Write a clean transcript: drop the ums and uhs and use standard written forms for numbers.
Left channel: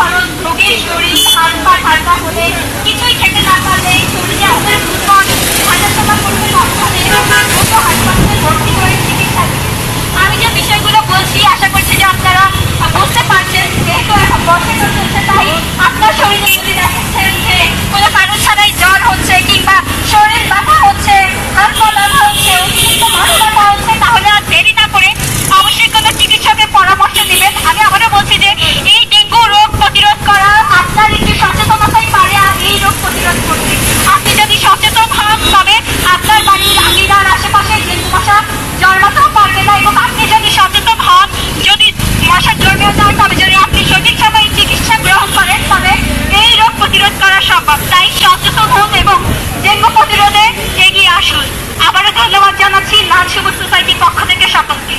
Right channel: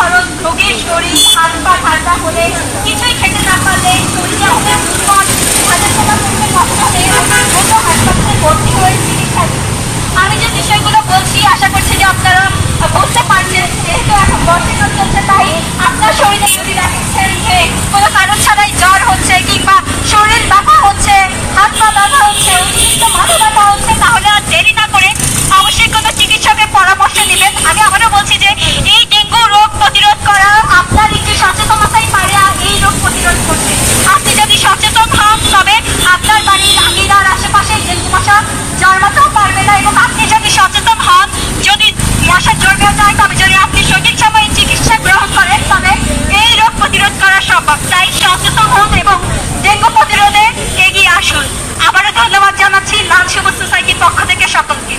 কারণ রোগীর শরীর হাত পা ঠান্ডা হলে, কিছুই খেতে না পারলে, শরীরে হবে হাজার করতে নষ্ট হলে হাসপাতালে ভর্তি হয়ে চিকিৎসা। আমি যে বিষয়গুলো বলছি আশা করছি যে আপনারা বুঝতে পারছেন। যেহেতু এখন বর্ষাকাল চলছে, তাই আপনার শরীরে যদি দেখেছেন যে কোনো কারণ ছাড়াই জ্বর হচ্ছে কিংবা শরীর ব্যথা হচ্ছে, হাত পা ব্যথা হচ্ছে, অতিরিক্ত মাথা ব্যথা হচ্ছে, তাহলে আর দেরি না করে অবশ্যই কোনো চিকিৎসকের পরামর্শ নেবেন। আমি আবারও বলছি যে এই ডেঙ্গু রোগ প্রতিরোধ করা আপনার একটি সচেতনতাই পারে আর এই রোগ প্রতিরোধ করতে। আপনি যদি সচেতন হন তবে আপনার বাড়ির আঙিনার আশেপাশে ডেঙ্গু মশা জন্মাতেও পারবে না, এবং আপনি যদি সচেতন হন, যদি মশা জন্মেও যায়, তবে যদি আপনি সঠিক সময়ে চিকিৎসা গ্রহণ করেন তবে এই রোগ প্রতিরোধ করা সম্ভব। তাই সচেতন হন এবং ডেঙ্গু প্রতিরোধে এগিয়ে আসুন। আবারও ধন্যবাদ জানাচ্ছি লাল সবুজ সোসাইটির পক্ষ থেকে সকলকে।